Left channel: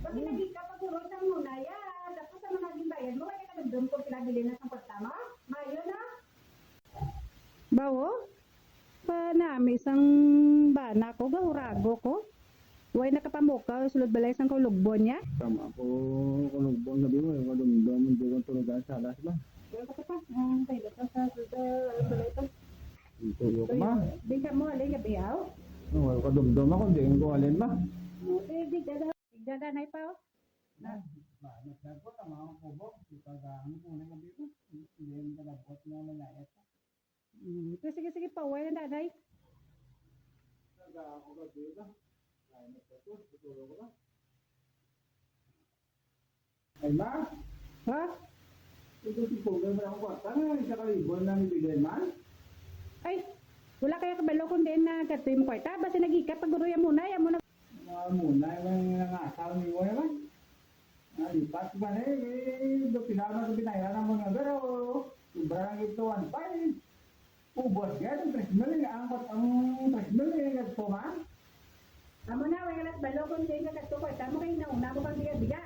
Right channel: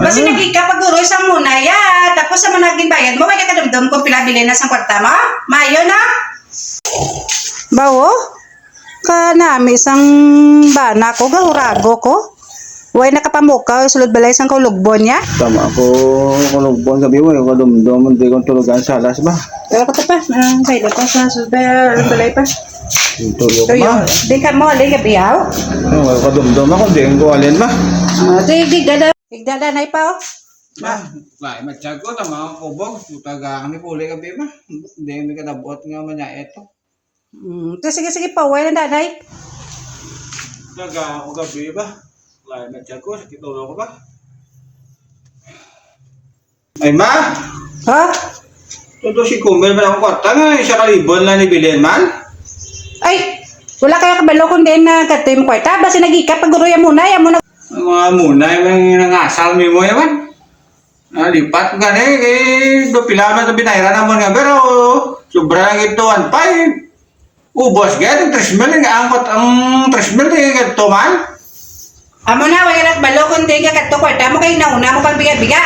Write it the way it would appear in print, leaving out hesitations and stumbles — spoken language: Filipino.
Kasi nagkikapaguro isang muna ya. Tapos sa managing bayad mo, may kakadumdum kung pilabili na sa kwarta mo. Mayo na. Bawo? Kanami isang bana ko, gahurago ko. Huwag nakapamukaw, sulod balay isang kaulugbon niya. Tama ako kulugbon gabi mo, yung kadumdum, hindi kong tulugan sa alas ba? Pero ko pa, kaya pa sa balay pa. Tulog ma. Di ka mo, di ka biyaw. Yung kadumdum ako, hindi ko alin ba? Tigdada na ipaw. Lai matiyag ko, tama ako kubog, tutagaan ni puli gabi ba? Hindi may kadabot nga man niya ito. Sige pa, huwag na danay. Tagaan ako gabi ba? Lai matiyag ko, sakit ulo ko ba? Ay ma! Ha? Ito si Kumel man akong kwarta nga, isa kalibon lang ni Bilin man. Ay, wala kaya kabalo kung din na katim kwarta. Basta nagika, paguruya muna, yan muna. Ang mga muna, yung nangasal mo mo yaman. Lipat nga do pilaman ito binayran naman nga, pero sobra lang ito, 1.5. Ubos nga, yung 3 mil, angkot ang 3 mil, ito man. Amo na, wala na kabalo kung din ka kato kwarta mo, kayo nauna mo pang biga-biga.